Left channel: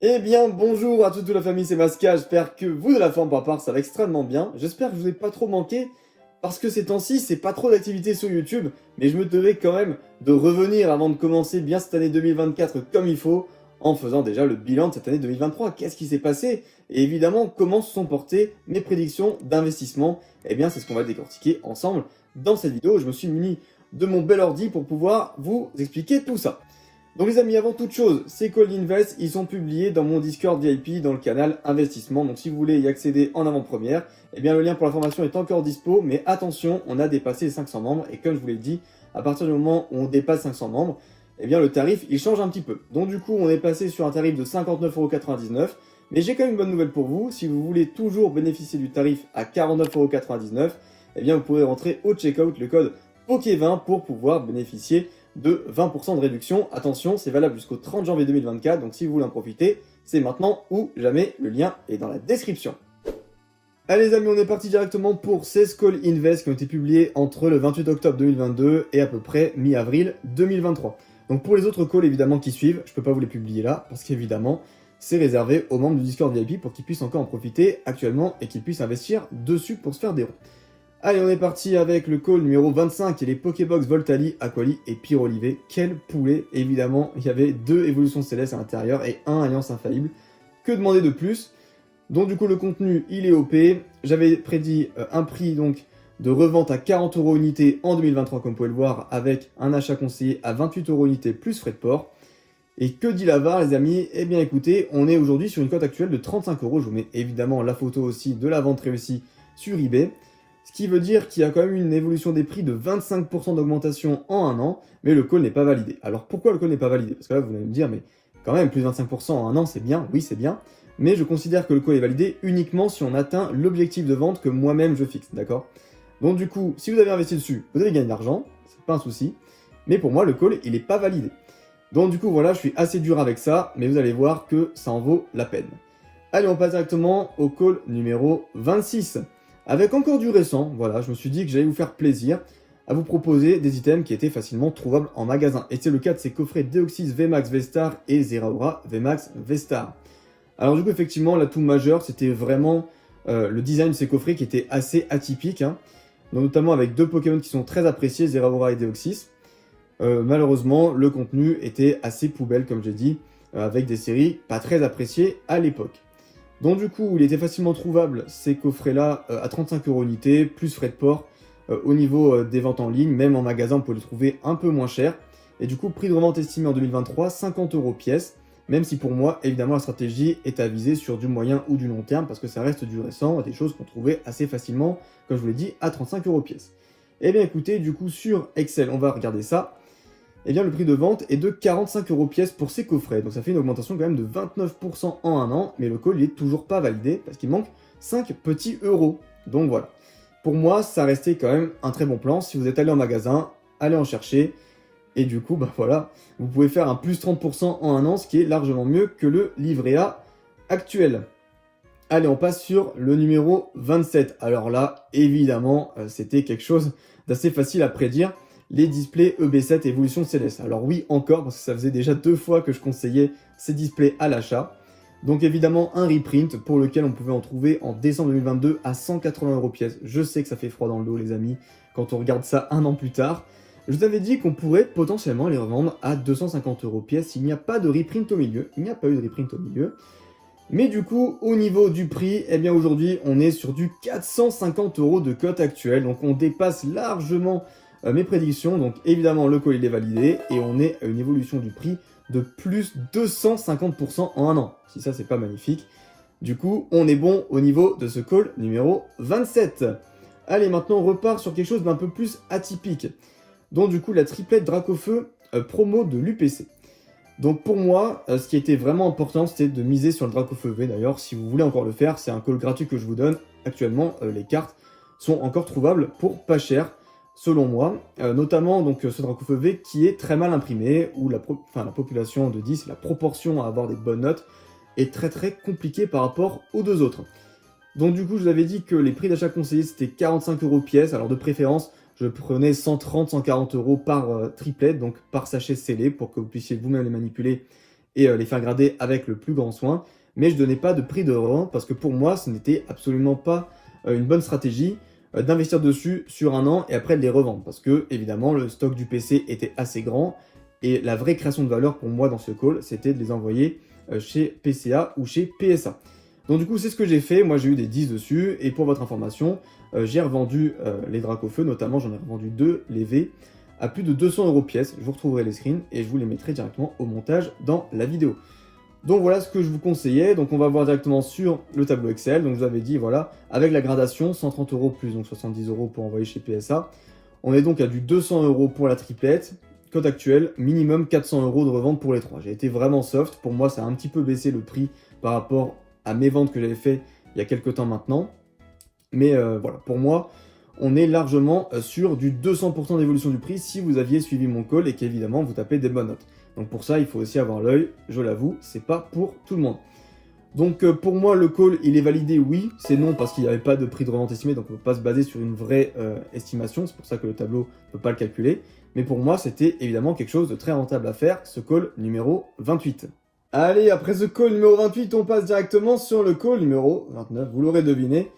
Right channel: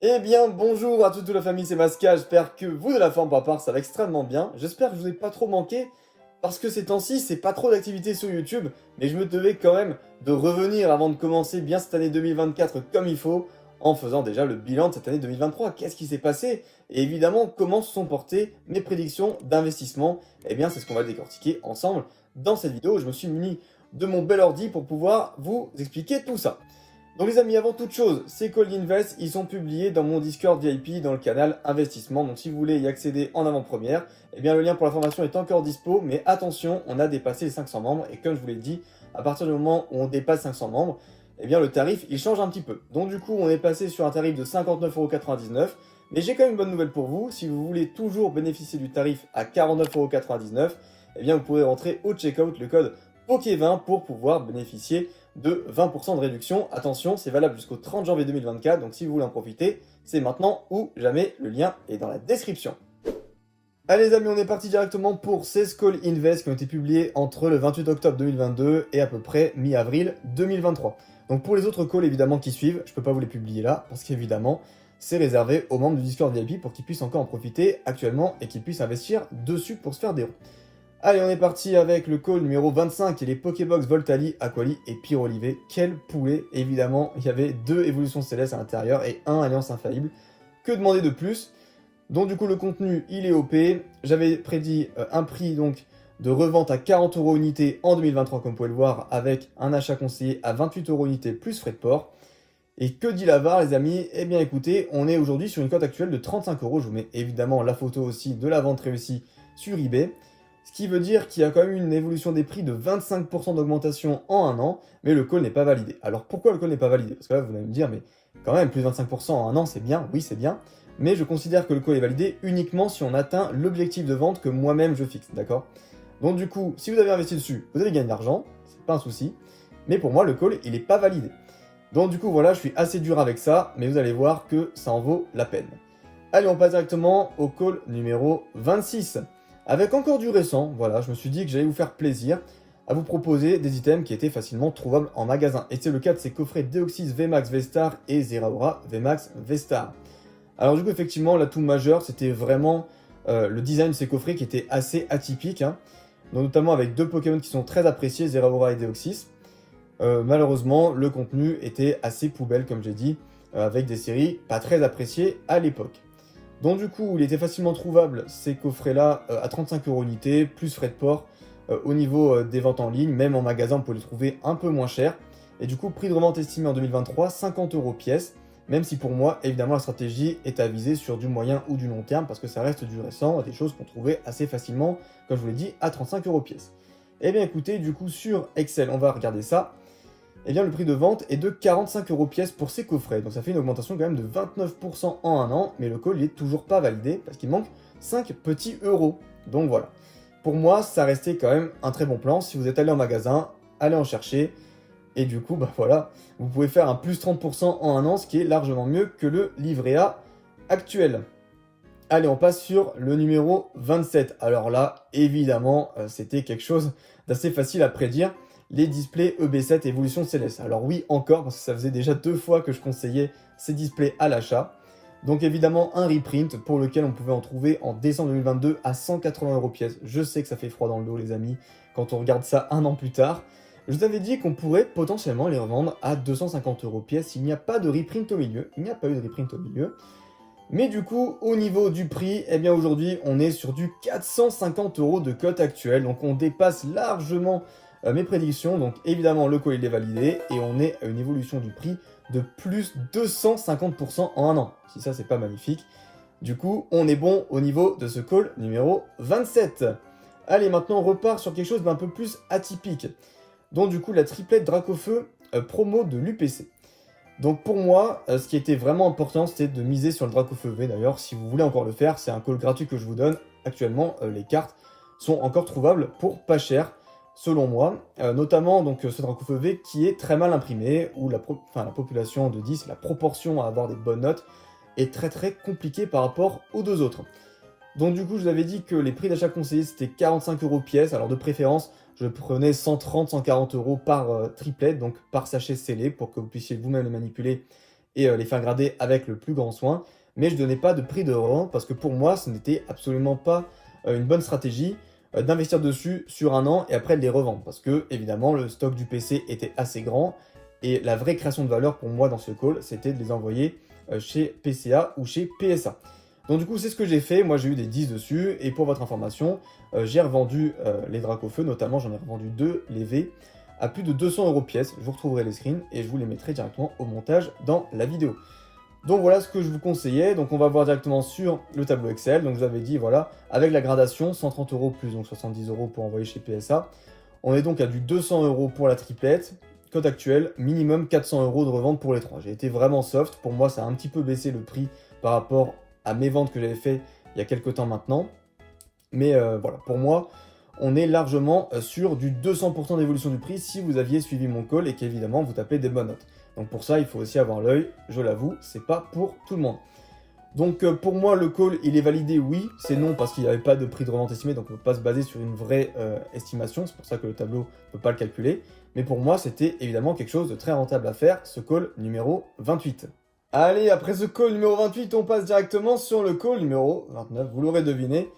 Eh bien, bonjour à toute la famille, c'est Masca, j'espère que vous de la forme par part, ça va extrêmement bien. J'espère que je vous ai pas trop manqué, parce que ces temps-ci, c'est pas trop d'activité sur YouTube, mais je me devais quand même de revenir avant de commencer bien cette année 2024 comme il faut, en faisant déjà le bilan de cette année 2023. Qu'est-ce qui s'est passé? Et évidemment, comment se sont portées mes prédictions d'investissement? Eh bien, c'est ce qu'on va décortiquer ensemble dans cette vidéo. Je me suis muni de mon bel ordi pour pouvoir vous expliquer tout ça. Donc les amis, avant toute chose, ces calls d'invest, ils sont publiés dans mon Discord VIP dans le canal investissement. Donc si vous voulez y accéder en avant-première, eh bien le lien pour la formation est encore dispo. Mais attention, on a dépassé les 500 membres. Et comme je vous l'ai dit, à partir du moment où on dépasse 500 membres, eh bien le tarif, il change un petit peu. Donc du coup, on est passé sur un tarif de 59,99 €. Mais j'ai quand même une bonne nouvelle pour vous. Si vous voulez toujours bénéficier du tarif à 49,99 €, eh bien vous pourrez rentrer au checkout le code POKE20 pour pouvoir bénéficier de 20% de réduction. Attention, c'est valable jusqu'au 30 janvier 2024, donc si vous voulez en profiter, c'est maintenant ou jamais, le lien est dans la description. Allez les amis, on est parti directement pour 16 calls invest qui ont été publiés entre le 28 octobre 2022 et à peu près mi-avril 2023. Donc pour les autres calls évidemment qui suivent, je ne peux pas vous les publier là, parce qu'évidemment, c'est réservé aux membres du Discord VIP pour qu'ils puissent encore en profiter actuellement et qu'ils puissent investir dessus pour se faire des ronds. Allez, on est parti avec le call numéro 25 et les Pokébox Voltali, Aquali et Pyrolivé. Quel poulet! Évidemment, il y avait 2 évolutions célestes à l'intérieur et 1 alliance infaillible. Que demander de plus? Donc du coup, le contenu, il est OP. J'avais prédit un prix donc de revente à 40 € unité en 2023, comme vous pouvez le voir, avec un achat conseillé à 28 € unité plus frais de port. Et que dit la VAR, les amis? Eh bien écoutez, on est aujourd'hui sur une cote actuelle de 35 €. Je vous mets évidemment la photo aussi de la vente réussie sur eBay. Ce qui veut dire qu'il y a quand même une évolution des prix de 25% d'augmentation en un an, mais le call n'est pas validé. Alors pourquoi le call n'est pas validé? Parce que là, vous allez me dire, mais quand même, plus de 25% en un an, c'est bien, oui, c'est bien, mais je considère que le call est validé uniquement si on atteint l'objectif de vente que moi-même je fixe, d'accord? Donc du coup, si vous avez investi dessus, vous avez gagné de l'argent, c'est pas un souci, mais pour moi, le call, il n'est pas validé. Donc du coup, voilà, je suis assez dur avec ça, mais vous allez voir que ça en vaut la peine. Allez, on passe directement au call numéro 26. Avec encore du récent, voilà, je me suis dit que j'allais vous faire plaisir à vous proposer des items qui étaient facilement trouvables en magasin. Et c'est le cas de ces coffrets Deoxys VMAX V-Star et Zeraora VMAX V-Star. Alors du coup, effectivement, l'atout majeur, c'était vraiment le design de ces coffrets qui était assez atypique, hein. Donc, notamment avec 2 Pokémon qui sont très appréciés, Zeraora et Deoxys. Malheureusement, le contenu était assez poubelle, comme j'ai dit, avec des séries pas très appréciées à l'époque. Donc du coup, il était facilement trouvable, ces coffrets-là, à 35 € unité, plus frais de port. Au niveau des ventes en ligne, même en magasin, on peut les trouver un peu moins cher. Et du coup, prix de revente estimé en 2023, 50 € pièce. Même si pour moi, évidemment, la stratégie est à viser sur du moyen ou du long terme, parce que ça reste du récent, des choses qu'on trouvait assez facilement, comme je vous l'ai dit, à 35 € pièce. Eh bien écoutez, du coup, sur Excel, on va regarder ça. Eh bien, le prix de vente est de 45 € pièce pour ces coffrets. Donc ça fait une augmentation quand même de 29% en un an, mais le call n'est toujours pas validé parce qu'il manque 5 petits euros. Donc voilà. Pour moi, ça restait quand même un très bon plan. Si vous êtes allé en magasin, allez en chercher. Et du coup, bah voilà, vous pouvez faire un plus 30% en un an, ce qui est largement mieux que le livret A actuel. Allez, on passe sur le numéro 27. Alors là, évidemment, c'était quelque chose d'assez facile à prédire. Les displays EB7 Evolution Céleste. Alors oui, encore, parce que ça faisait déjà 2 fois que je conseillais ces displays à l'achat. Donc évidemment, un reprint pour lequel on pouvait en trouver en décembre 2022 à 180 € pièce. Je sais que ça fait froid dans le dos, les amis, quand on regarde ça un an plus tard. Je vous avais dit qu'on pourrait potentiellement les revendre à 250 € pièce s'il n'y a pas de reprint au milieu. Il n'y a pas eu de reprint au milieu. Mais du coup, au niveau du prix, eh bien aujourd'hui, on est sur du 450 € de cote actuelle. Donc on dépasse largement mes prédictions. Donc évidemment, le call il est validé et on est à une évolution du prix de plus 250% en un an. Si ça, c'est pas magnifique. Du coup, on est bon au niveau de ce call numéro 27. Allez, maintenant, on repart sur quelque chose d'un peu plus atypique. Donc du coup, la triplette Dracofeu promo de l'UPC. Donc pour moi, ce qui était vraiment important, c'était de miser sur le Dracofeu V. D'ailleurs, si vous voulez encore le faire, c'est un call gratuit que je vous donne. Actuellement, les cartes sont encore trouvables pour pas cher, selon moi. Notamment donc ce Dracofeu V qui est très mal imprimé, où la population de 10, la proportion à avoir des bonnes notes, est très très compliquée par rapport aux deux autres. Donc du coup, je vous avais dit que les prix d'achat conseillés, c'était 45 € pièce. Alors de préférence, je prenais 130-140 € par triplet, donc par sachet scellé, pour que vous puissiez vous-même les manipuler et les faire grader avec le plus grand soin. Mais je ne donnais pas de prix de revente parce que pour moi, ce n'était absolument pas une bonne stratégie d'investir dessus sur un an et après de les revendre. Parce que, évidemment, le stock du PC était assez grand et la vraie création de valeur pour moi dans ce call, c'était de les envoyer chez PCA ou chez PSA. Donc du coup, c'est ce que j'ai fait. Moi, j'ai eu des 10 dessus. Et pour votre information, j'ai revendu les Dracofeu, notamment, j'en ai revendu 2, les V, à plus de 200 € pièce. Je vous retrouverai les screens et je vous les mettrai directement au montage dans la vidéo. Donc voilà ce que je vous conseillais. Donc on va voir directement sur le tableau Excel. Donc je vous avais dit, voilà, avec la gradation, 130 € plus donc 70 € pour envoyer chez PSA. On est donc à du 200 € pour la triplette. Cote actuelle, minimum 400 € de revente pour les 3. J'ai été vraiment soft. Pour moi, ça a un petit peu baissé le prix par rapport à mes ventes que j'avais fait il y a quelques temps maintenant. Mais voilà, pour moi, on est largement sur du 200% d'évolution du prix si vous aviez suivi mon call et qu'évidemment vous tapez des bonnes notes. Donc pour ça, il faut aussi avoir l'œil, je l'avoue, c'est pas pour tout le monde. Donc pour moi, le call, il est validé, oui, c'est non parce qu'il n'y avait pas de prix de revente estimé, donc on ne peut pas se baser sur une vraie estimation, c'est pour ça que le tableau ne peut pas le calculer. Mais pour moi, c'était évidemment quelque chose de très rentable à faire, ce call numéro 28. Allez, après ce call numéro 28, on passe directement sur le call numéro 29, vous l'aurez deviné.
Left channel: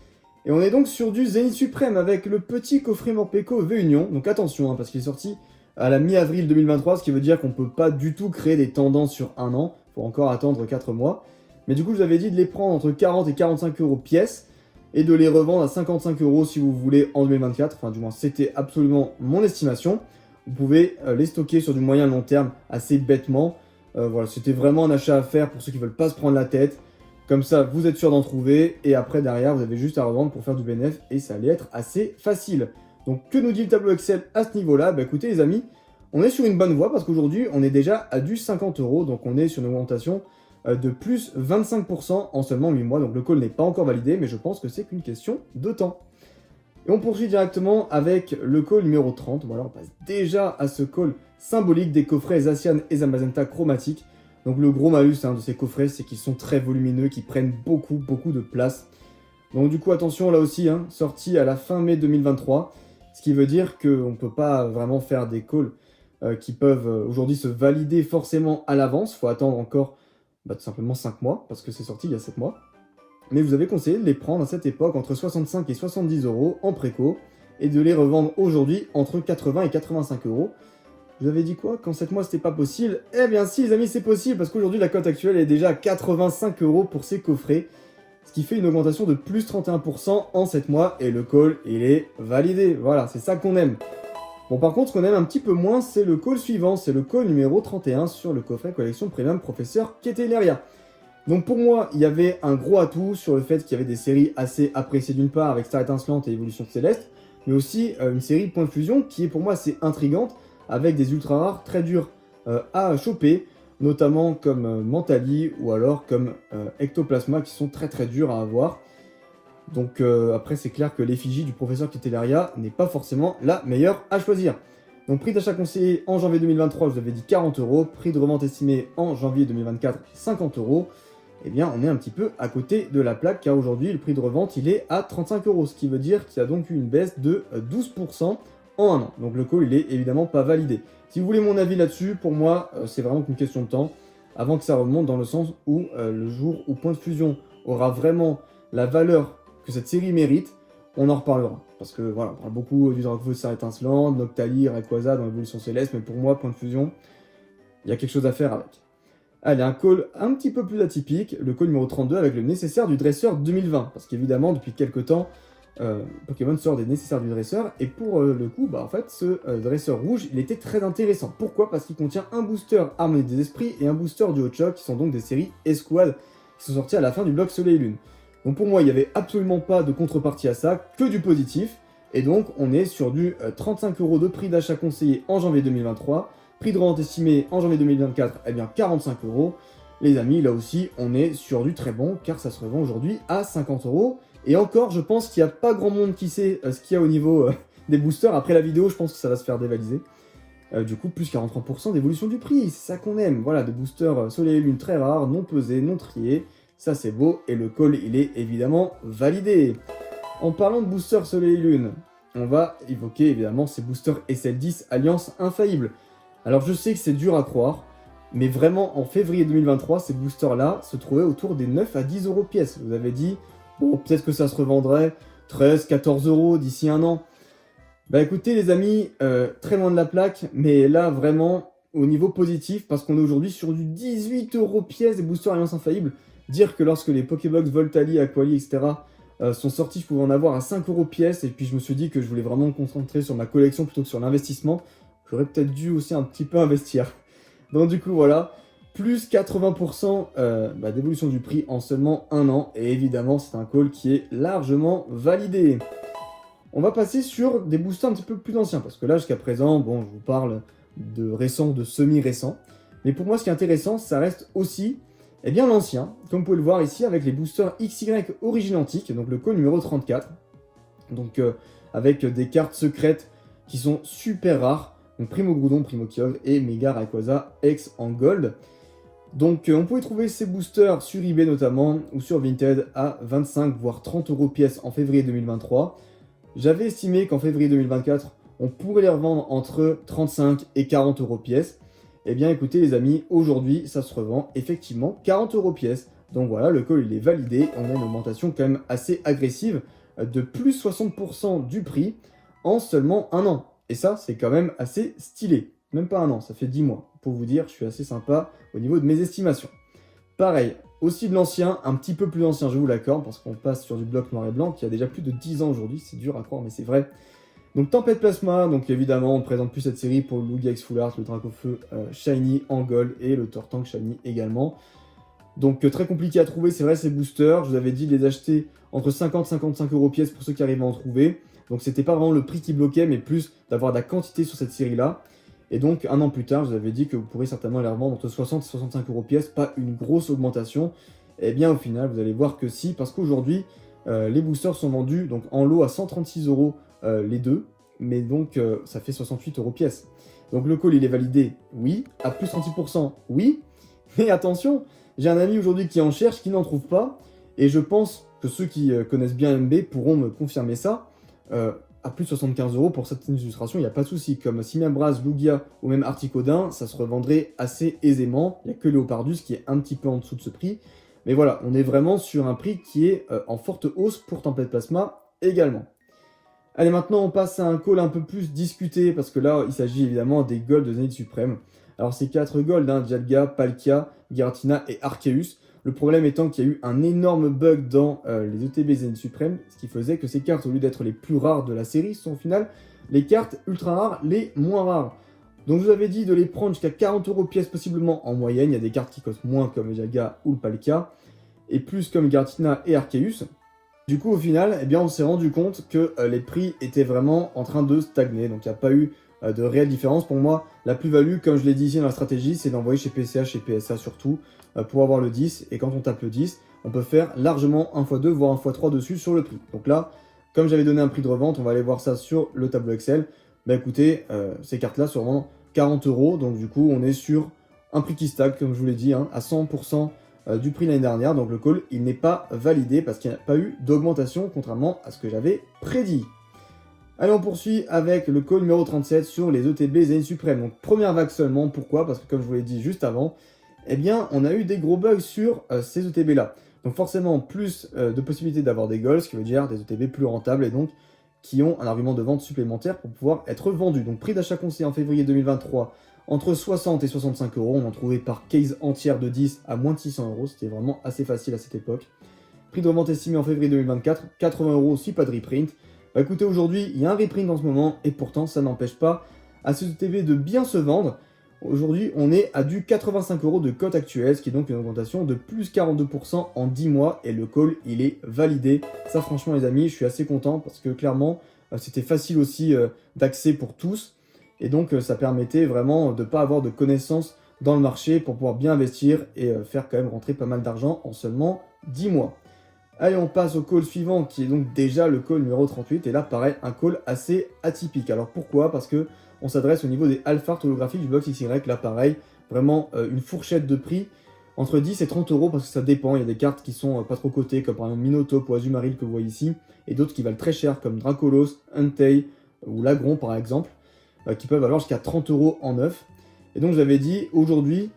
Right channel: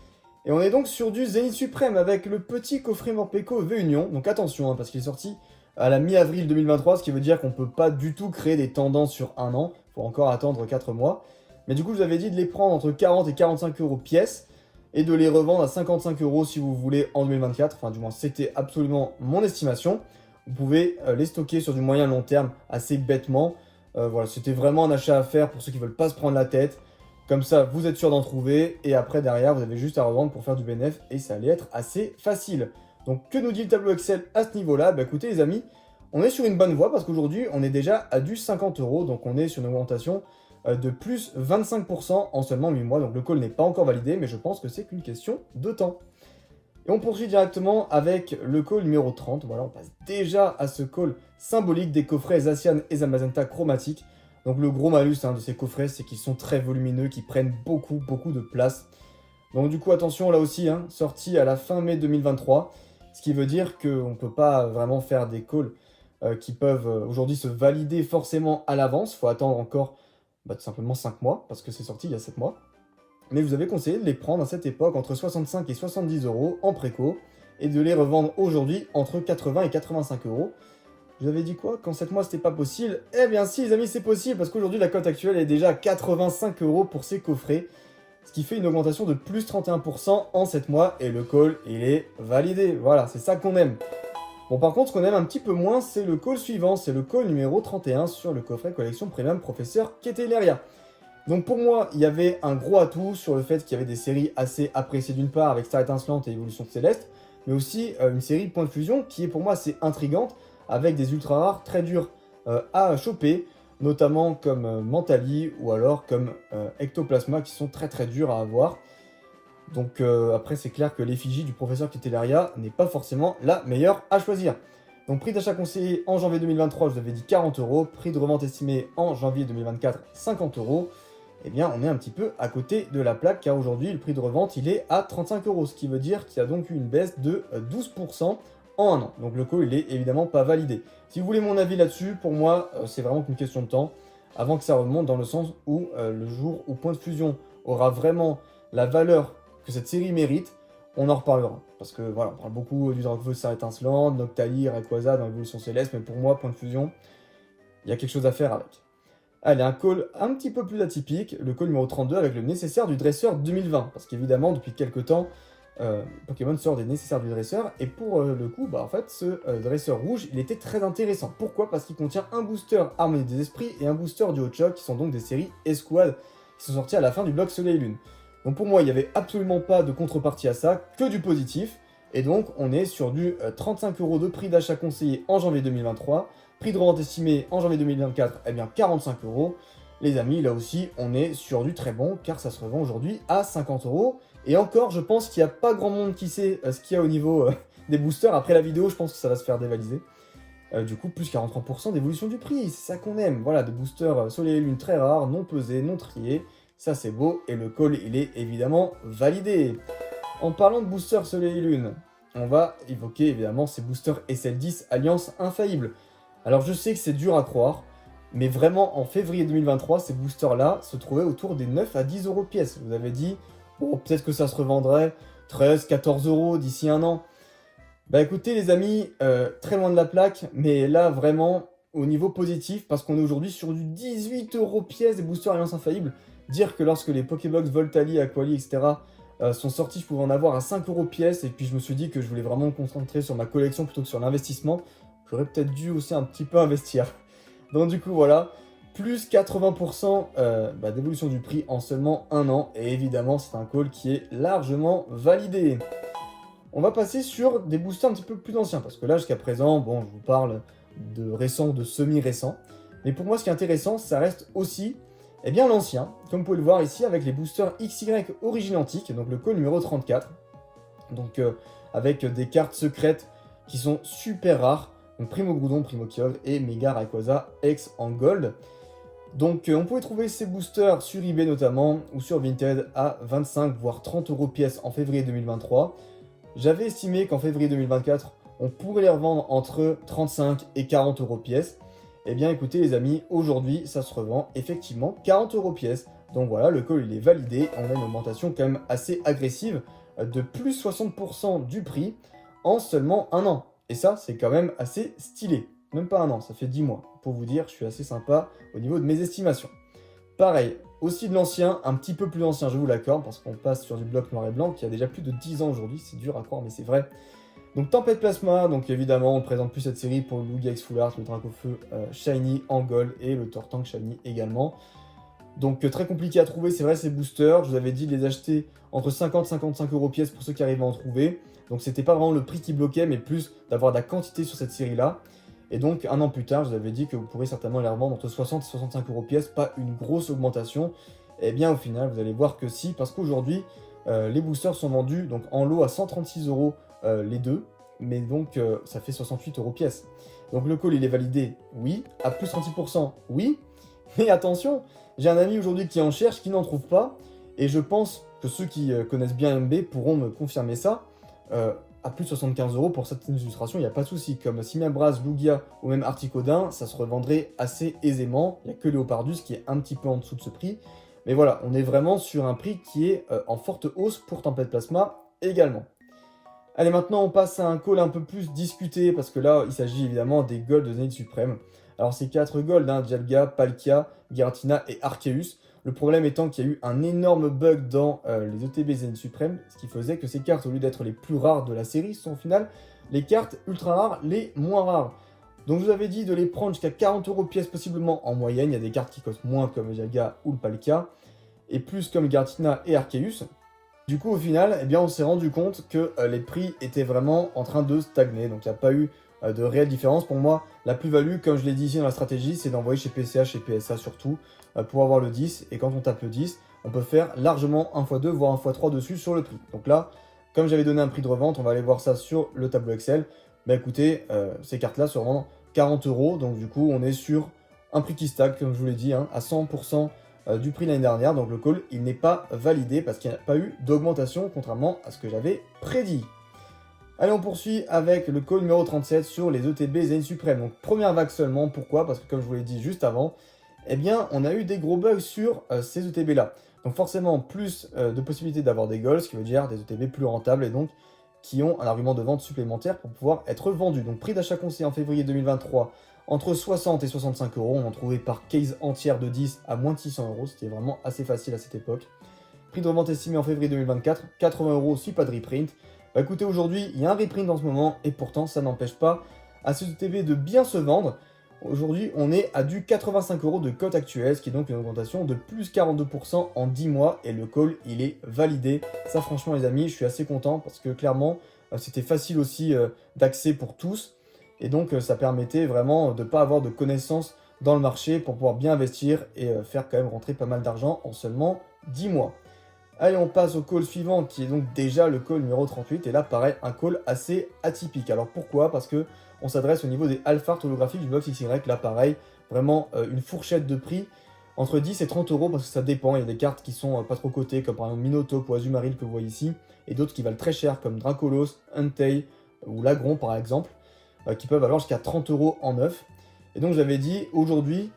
Et on est donc sur du Zénith Suprême avec le petit coffret Morpeko V-Union. Donc attention, parce qu'il est sorti à la mi-avril 2023, ce qui veut dire qu'on ne peut pas du tout créer des tendances sur un an. Il faut encore attendre 4 mois. Mais du coup, je vous avais dit de les prendre entre 40 et 45 € pièce et de les revendre à 55 € si vous voulez en 2024. Enfin, du moins, c'était absolument mon estimation. Vous pouvez les stocker sur du moyen long terme assez bêtement. Voilà, c'était vraiment un achat à faire pour ceux qui ne veulent pas se prendre la tête. Comme ça, vous êtes sûr d'en trouver. Et après, derrière, vous avez juste à revendre pour faire du bénéfice. Et ça allait être assez facile. Donc, que nous dit le tableau Excel à ce niveau-là? Bah, écoutez, les amis, on est sur une bonne voie parce qu'aujourd'hui, on est déjà à du 50 €. Donc, on est sur une augmentation de plus 25% en seulement 8 mois. Donc, le call n'est pas encore validé, mais je pense que c'est qu'une question de temps. Et on poursuit directement avec le call numéro 30. Voilà, on passe déjà à ce call symbolique des coffrets Zacian et Zamazenta chromatiques. Donc le gros malus de ces coffrets, c'est qu'ils sont très volumineux, qu'ils prennent beaucoup de place. Donc du coup, attention là aussi, sorti à la fin mai 2023, ce qui veut dire qu'on ne peut pas vraiment faire des calls qui peuvent aujourd'hui se valider forcément à l'avance. Il faut attendre encore tout simplement 5 mois, parce que c'est sorti il y a 7 mois. Mais vous avez conseillé de les prendre à cette époque entre 65 et 70 € en préco, et de les revendre aujourd'hui entre 80 et 85 €. Je vous avais dit quoi? Qu'en 7 mois, c'était pas possible? Eh bien si, les amis, c'est possible, parce qu'aujourd'hui, la cote actuelle est déjà à 85 € pour ces coffrets, ce qui fait une augmentation de plus 31% en 7 mois, et le call, il est validé. Voilà, c'est ça qu'on aime. Bon, par contre, ce qu'on aime un petit peu moins, c'est le call suivant, c'est le call numéro 31 sur le coffret collection Premium Professeur Keteleria. Donc pour moi, il y avait un gros atout sur le fait qu'il y avait des séries assez appréciées d'une part, avec Star Étincelante et Évolution Céleste, mais aussi une série Point de Fusion qui est pour moi assez intrigante, avec des ultra rares très durs à choper, notamment comme Mentali ou alors comme Ectoplasma qui sont très durs à avoir. Donc après c'est clair que l'effigie du professeur Keteleria n'est pas forcément la meilleure à choisir. Donc prix d'achat conseillé en janvier 2023, je vous avais dit 40 €, prix de revente estimé en janvier 2024, 50 €. Eh bien on est un petit peu à côté de la plaque car aujourd'hui le prix de revente il est à 35 €, ce qui veut dire qu'il y a donc eu une baisse de 12% en un an. Donc le call il est évidemment pas validé. Si vous voulez mon avis là-dessus, pour moi c'est vraiment qu'une question de temps avant que ça remonte, dans le sens où le jour où Point de Fusion aura vraiment la valeur que cette série mérite, on en reparlera. Parce que voilà, on parle beaucoup du Dracofeu Star Étincelante, Noctali, Rayquaza dans l'Évolution Céleste, mais pour moi, Point de Fusion, il y a quelque chose à faire avec. Allez, un call un petit peu plus atypique, le call numéro 32 avec le nécessaire du dresseur 2020. Parce qu'évidemment, depuis quelques temps, Pokémon sort des nécessaires du dresseur, et pour le coup, en fait, ce dresseur rouge, il était très intéressant. Pourquoi? Parce qu'il contient un booster Harmonie des Esprits et un booster du Hot-Shock, qui sont donc des séries Escouade, qui sont sorties à la fin du bloc Soleil et Lune. Donc pour moi, il n'y avait absolument pas de contrepartie à ça, que du positif, et donc on est sur du 35 € de prix d'achat conseillé en janvier 2023, prix de revente estimé en janvier 2024, eh bien 45 €. Les amis, là aussi, on est sur du très bon, car ça se revend aujourd'hui à 50 €. Et encore, je pense qu'il n'y a pas grand monde qui sait ce qu'il y a au niveau des boosters. Après la vidéo, je pense que ça va se faire dévaliser. Du coup, plus 43% d'évolution du prix, c'est ça qu'on aime. Voilà, des boosters Soleil et Lune très rares, non pesés, non triés. Ça, c'est beau. Et le call, il est évidemment validé. En parlant de boosters Soleil et Lune, on va évoquer évidemment ces boosters SL10 Alliance Infaillible. Alors je sais que c'est dur à croire, mais vraiment en février 2023, ces boosters-là se trouvaient autour des 9 à 10 euros pièce. Vous avez dit, bon, peut-être que ça se revendrait 13, 14 euros d'ici un an. Bah écoutez les amis, très loin de la plaque, mais là vraiment au niveau positif, parce qu'on est aujourd'hui sur du 18 euros pièce des boosters Alliance Infaillible. Dire que lorsque les Pokébox Voltali, Aquali, etc. Sont sortis, je pouvais en avoir à 5 euros pièce, et puis je me suis dit que je voulais vraiment me concentrer sur ma collection plutôt que sur l'investissement. J'aurais peut-être dû aussi un petit peu investir. Donc du coup voilà, plus 80% d'évolution du prix en seulement un an, et évidemment c'est un call qui est largement validé. On va passer sur des boosters un petit peu plus anciens, parce que là jusqu'à présent, bon, je vous parle de récents, de semi-récents, mais pour moi ce qui est intéressant, ça reste aussi l'ancien, comme vous pouvez le voir ici avec les boosters XY Origine Antique, donc le call numéro 34, donc avec des cartes secrètes qui sont super rares, donc Primo Groudon, Primo Kyogre et Mega Rayquaza X en gold. Donc on pouvait trouver ces boosters sur eBay notamment, ou sur Vinted à 25 voire 30 euros pièce en février 2023. J'avais estimé qu'en février 2024, on pourrait les revendre entre 35 et 40 euros pièce. Eh bien écoutez les amis, aujourd'hui ça se revend effectivement 40 euros pièce. Donc voilà, le call il est validé, on a une augmentation quand même assez agressive de plus 60% du prix en seulement un an. Et ça c'est quand même assez stylé, même pas un an, ça fait 10 mois. Pour vous dire, je suis assez sympa au niveau de mes estimations. Pareil, aussi de l'ancien, un petit peu plus ancien, je vous l'accorde, parce qu'on passe sur du bloc noir et blanc qui a déjà plus de 10 ans aujourd'hui, c'est dur à croire mais c'est vrai. Donc Tempête Plasma, donc évidemment on ne présente plus cette série pour le Lugia-X Full Art, le Dracofeu Shiny en gold et le Tortank Shiny également. Donc très compliqué à trouver, c'est vrai ces boosters, je vous avais dit de les acheter entre 50 et 55 euros pièce pour ceux qui arrivaient à en trouver. Donc c'était pas vraiment le prix qui bloquait, mais plus d'avoir de la quantité sur cette série-là. Et donc un an plus tard, je vous avais dit que vous pourrez certainement les revendre entre 60 et 65 euros pièce, pas une grosse augmentation. Et bien au final, vous allez voir que si, parce qu'aujourd'hui, les boosters sont vendus donc en lot à 136 euros les deux, mais donc ça fait 68 euros pièce. Donc le call il est validé, oui, à plus 36%, oui, mais attention, j'ai un ami aujourd'hui qui en cherche, qui n'en trouve pas, et je pense que ceux qui connaissent bien MB pourront me confirmer ça. À plus de 75 euros pour certaines illustrations, il n'y a pas de souci. Comme Simabras, Lugia ou même Articodin, ça se revendrait assez aisément. Il n'y a que Léopardus qui est un petit peu en dessous de ce prix. Mais voilà, on est vraiment sur un prix qui est en forte hausse pour Tempête Plasma également. Allez, maintenant on passe à un call un peu plus discuté, parce que là, il s'agit évidemment des golds de Zénith Suprême. Alors c'est 4 golds, hein, Dialga, Palkia, Giratina et Arceus. Le problème étant qu'il y a eu un énorme bug dans les ETB Zénith Suprême, ce qui faisait que ces cartes, au lieu d'être les plus rares de la série, sont au final les cartes ultra rares les moins rares. Donc je vous avais dit de les prendre jusqu'à 40 euros pièce possiblement en moyenne. Il y a des cartes qui costent moins comme Dialga ou le Palkia, et plus comme Giratina et Arceus. Du coup au final, eh bien, on s'est rendu compte que les prix étaient vraiment en train de stagner. Donc il n'y a pas eu de réelle différence. Pour moi, la plus-value, comme je l'ai dit ici dans la stratégie, c'est d'envoyer chez PCH et PSA surtout, pour avoir le 10, et quand on tape le 10, on peut faire largement 1x2 voire 1x3 dessus sur le prix. Donc là, comme j'avais donné un prix de revente, on va aller voir ça sur le tableau Excel. Bah écoutez, ces cartes-là sont vraiment 40 euros, donc du coup on est sur un prix qui stagne, comme je vous l'ai dit, hein, à 100% du prix l'année dernière. Donc le call, il n'est pas validé parce qu'il n'y a pas eu d'augmentation, contrairement à ce que j'avais prédit. Allez, on poursuit avec le call numéro 37 sur les ETB Zénith Suprême. Donc première vague seulement, pourquoi? Parce que comme je vous l'ai dit juste avant, eh bien, on a eu des gros bugs sur ces ETB-là. Donc forcément, plus de possibilités d'avoir des golds, ce qui veut dire des ETB plus rentables et donc qui ont un argument de vente supplémentaire pour pouvoir être vendus. Donc prix d'achat conseillé en février 2023, entre 60 et 65 euros. On en trouvait par case entière de 10 à moins de 600 euros. C'était vraiment assez facile à cette époque. Prix de revente estimé en février 2024, 80 euros si pas de reprint. Bah écoutez, aujourd'hui, il y a un reprint en ce moment et pourtant, ça n'empêche pas à ces ETB de bien se vendre. Aujourd'hui, on est à du 85 euros de cote actuelle, ce qui est donc une augmentation de plus 42% en 10 mois. Et le call, il est validé. Ça, franchement, les amis, je suis assez content parce que clairement, c'était facile aussi d'accès pour tous. Et donc, ça permettait vraiment de ne pas avoir de connaissances dans le marché pour pouvoir bien investir et faire quand même rentrer pas mal d'argent en seulement 10 mois. Allez, on passe au call suivant qui est donc déjà le call numéro 38. Et là, pareil, un call assez atypique. Alors pourquoi? Parce que on s'adresse au niveau des alpha holographiques du box XY. Là, pareil, vraiment une fourchette de prix entre 10 et 30 euros parce que ça dépend. Il y a des cartes qui sont pas trop cotées, comme par exemple Minotaur ou Azumarill que vous voyez ici, et d'autres qui valent très cher, comme Dracolos, Entei ou Lagron par exemple, qui peuvent valoir jusqu'à 30 euros en neuf. Et donc j'avais dit aujourd'hui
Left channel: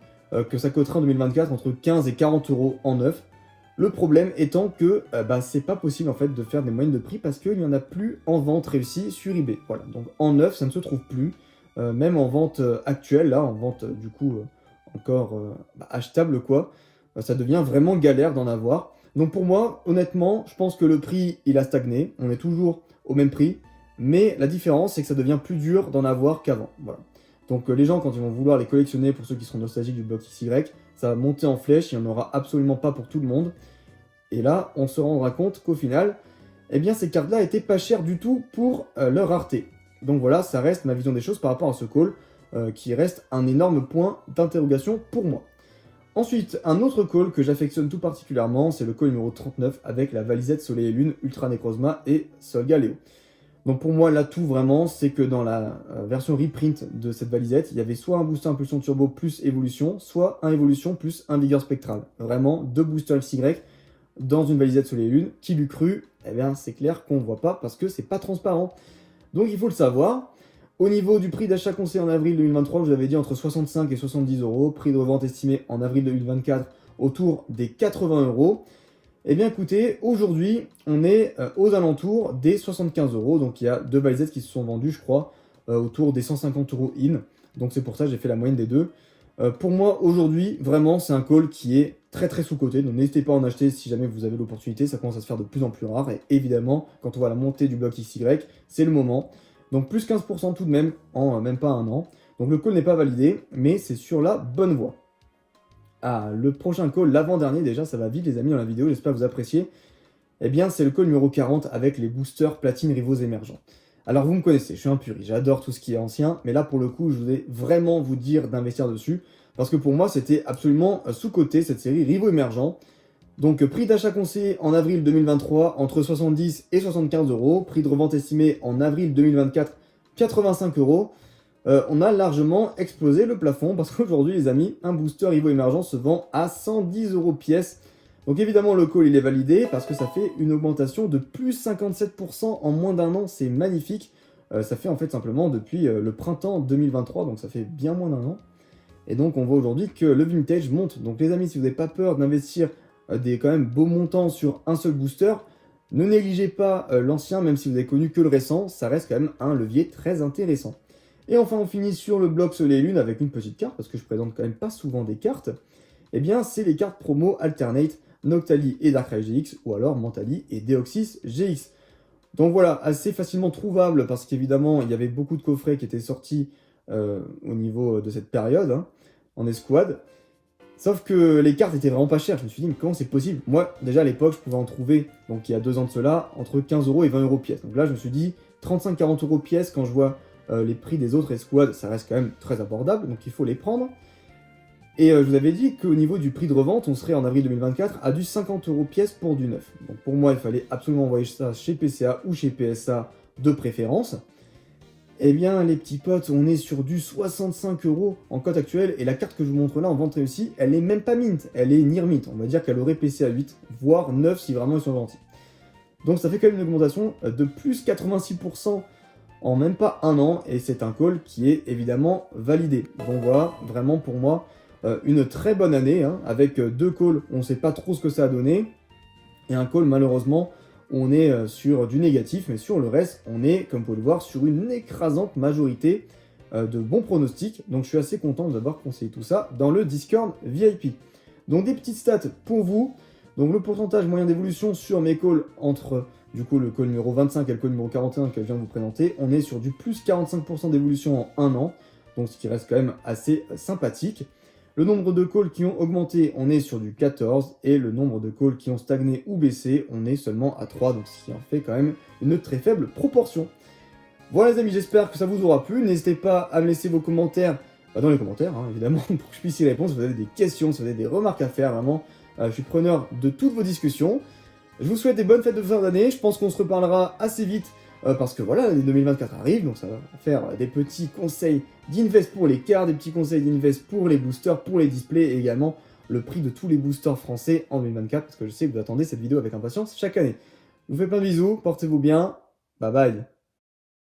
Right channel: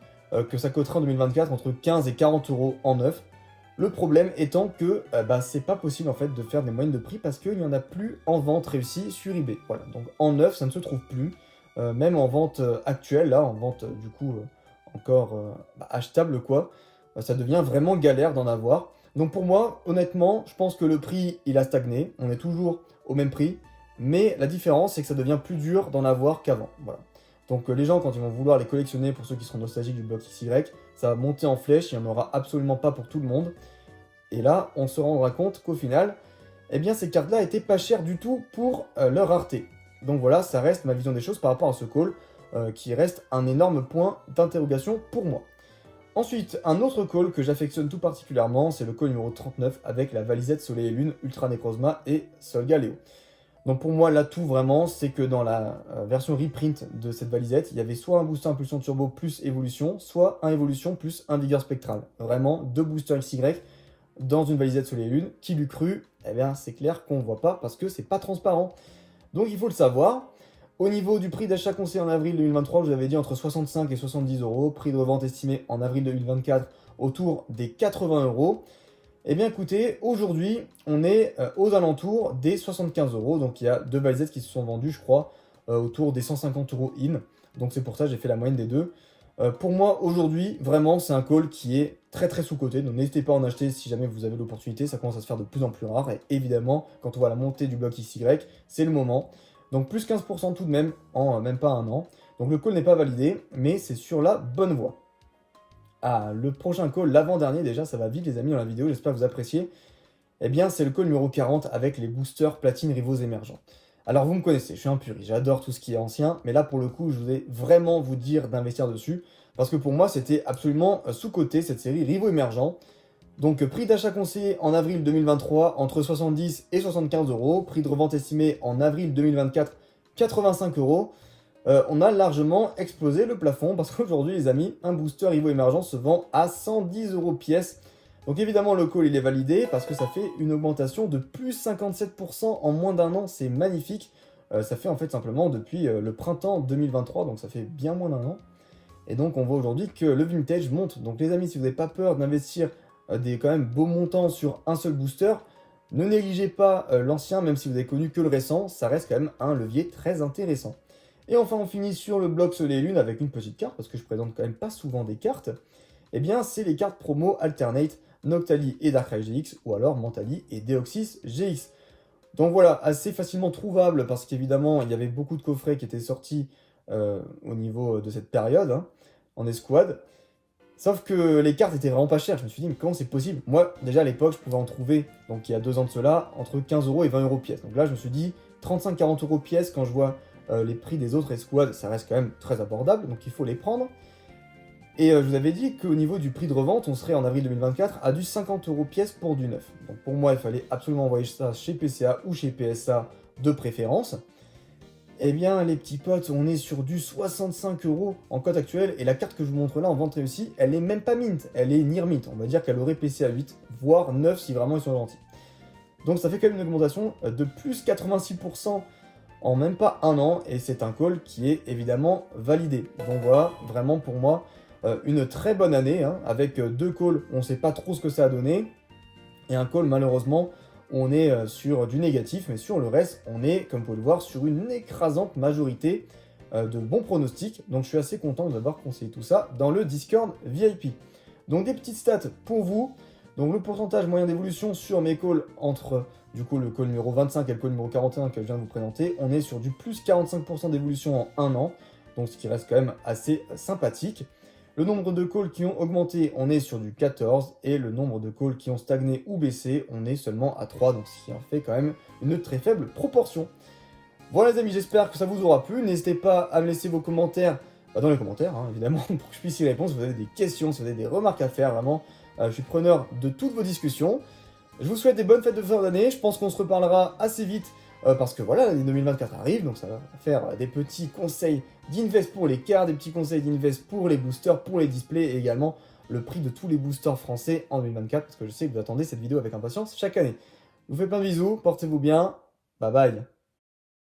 que ça coterait en 2024 entre 15 et 40 euros en neuf. Le problème étant que c'est pas possible en fait de faire des moyennes de prix parce qu'il n'y en a plus en vente réussie sur eBay. Voilà, donc en neuf ça ne se trouve plus, même en vente actuelle, là, en vente du coup encore achetable quoi, ça devient vraiment galère d'en avoir. Donc pour moi, honnêtement, je pense que le prix il a stagné, on est toujours au même prix, mais la différence c'est que ça devient plus dur d'en avoir qu'avant. Voilà. Donc les gens, quand ils vont vouloir les collectionner, pour ceux qui seront nostalgiques du bloc XY, ça va monter en flèche, il n'y en aura absolument pas pour tout le monde. Et là, on se rendra compte qu'au final, eh bien ces cartes-là étaient pas chères du tout pour leur rareté. Donc voilà, ça reste ma vision des choses par rapport à ce call, qui reste un énorme point d'interrogation pour moi. Ensuite, un autre call que j'affectionne tout particulièrement, c'est le call numéro 39 avec la Valisette Soleil et Lune, Ultra Necrozma et Solgaleo. Donc pour moi, l'atout vraiment, c'est que dans la version reprint de cette Valisette, il y avait soit un booster impulsion turbo plus évolution, soit un évolution plus un vigueur spectral. Vraiment, 2 boosters XY dans une Valisette Soleil et Lune. Qui l'eût cru? Eh bien, c'est clair qu'on ne voit pas parce que c'est pas transparent. Donc il faut le savoir. Au niveau du prix d'achat conseillé en avril 2023, je vous avais dit entre 65 et 70 euros. Prix de revente estimé en avril 2024 autour des 80 euros. Eh bien écoutez, aujourd'hui, on est aux alentours des 75 euros. Donc il y a 2 valisettes qui se sont vendues, je crois, autour des 150 euros in. Donc c'est pour ça que j'ai fait la moyenne des deux. Pour moi, aujourd'hui, vraiment, c'est un call qui est très très sous-coté. Donc n'hésitez pas à en acheter si jamais vous avez l'opportunité. Ça commence à se faire de plus en plus rare. Et évidemment, quand on voit la montée du bloc XY, c'est le moment. Donc plus 15% tout de même en même pas un an. Donc le call n'est pas validé, mais c'est sur la bonne voie. Ah, le prochain call, l'avant-dernier déjà, ça va vite les amis dans la vidéo, j'espère que vous appréciez. Eh bien, c'est le call numéro 40 avec les boosters platine rivaux émergents. Alors vous me connaissez, je suis un puriste, j'adore tout ce qui est ancien, mais là pour le coup, je voulais vraiment vous dire d'investir dessus, parce que pour moi, c'était absolument sous-coté cette série rivaux émergents. Donc prix d'achat conseillé en avril 2023 entre 70 et 75 euros, prix de revente estimé en avril 2024 85 euros. On a largement explosé le plafond parce qu'aujourd'hui les amis, un booster Evo émergent se vend à 110 euros pièce. Donc évidemment le call il est validé parce que ça fait une augmentation de plus 57% en moins d'un an, c'est magnifique. Ça fait en fait simplement depuis le printemps 2023, donc ça fait bien moins d'un an. Et donc on voit aujourd'hui que le vintage monte. Donc les amis, si vous n'avez pas peur d'investir des quand même beaux montants sur un seul booster, ne négligez pas l'ancien, même si vous avez connu que le récent, ça reste quand même un levier très intéressant. Et enfin, on finit sur le bloc Soleil et Lune avec une petite carte, parce que je présente quand même pas souvent des cartes. Eh bien, c'est les cartes promo Alternate, Noctali et Darkrai GX, ou alors Mentali et Deoxys GX. Donc voilà, assez facilement trouvable, parce qu'évidemment, il y avait beaucoup de coffrets qui étaient sortis au niveau de cette période, hein, en escouade. Sauf que les cartes étaient vraiment pas chères. Je me suis dit, mais comment c'est possible? Moi, déjà à l'époque, je pouvais en trouver, donc il y a 2 ans de cela, entre 15 euros et 20 euros pièce. Donc là, je me suis dit, 35-40 euros pièce, quand je vois les prix des autres escouades, ça reste quand même très abordable, donc il faut les prendre. Et je vous avais dit qu'au niveau du prix de revente, on serait en avril 2024 à du 50 euros pièce pour du neuf. Donc pour moi, il fallait absolument envoyer ça chez PCA ou chez PSA de préférence. Eh bien, les petits potes, on est sur du 65 euros en cote actuelle, et la carte que je vous montre là en vente réussie, elle n'est même pas mint, elle est near mint. On va dire qu'elle aurait PCA 8, voire 9 si vraiment ils sont gentils. Donc ça fait quand même une augmentation de plus 86% en même pas un an, et c'est un call qui est évidemment validé. Donc voilà, vraiment pour moi, une très bonne année, hein, avec 2 calls, on ne sait pas trop ce que ça a donné, et un call malheureusement, on est sur du négatif, mais sur le reste, on est, comme vous pouvez le voir, sur une écrasante majorité de bons pronostics. Donc je suis assez content d'avoir conseillé tout ça dans le Discord VIP. Donc des petites stats pour vous. Donc le pourcentage moyen d'évolution sur mes calls entre du coup le call numéro 25 et le call numéro 41 que je viens de vous présenter, on est sur du plus 45% d'évolution en 1 an, donc ce qui reste quand même assez sympathique. Le nombre de calls qui ont augmenté, on est sur du 14, et le nombre de calls qui ont stagné ou baissé, on est seulement à 3, donc ce qui en fait quand même une très faible proportion. Voilà les amis, j'espère que ça vous aura plu. N'hésitez pas à me laisser vos commentaires dans les commentaires, hein, évidemment, pour que je puisse y répondre. Si vous avez des questions, si vous avez des remarques à faire, vraiment, je suis preneur de toutes vos discussions. Je vous souhaite des bonnes fêtes de fin d'année. Je pense qu'on se reparlera assez vite parce que voilà, l'année 2024 arrive, donc ça va faire des petits conseils d'invest pour les cartes, des petits conseils d'invest pour les boosters, pour les displays, et également le prix de tous les boosters français en 2024, parce que je sais que vous attendez cette vidéo avec impatience chaque année. Je vous fais plein de bisous, portez-vous bien, bye bye.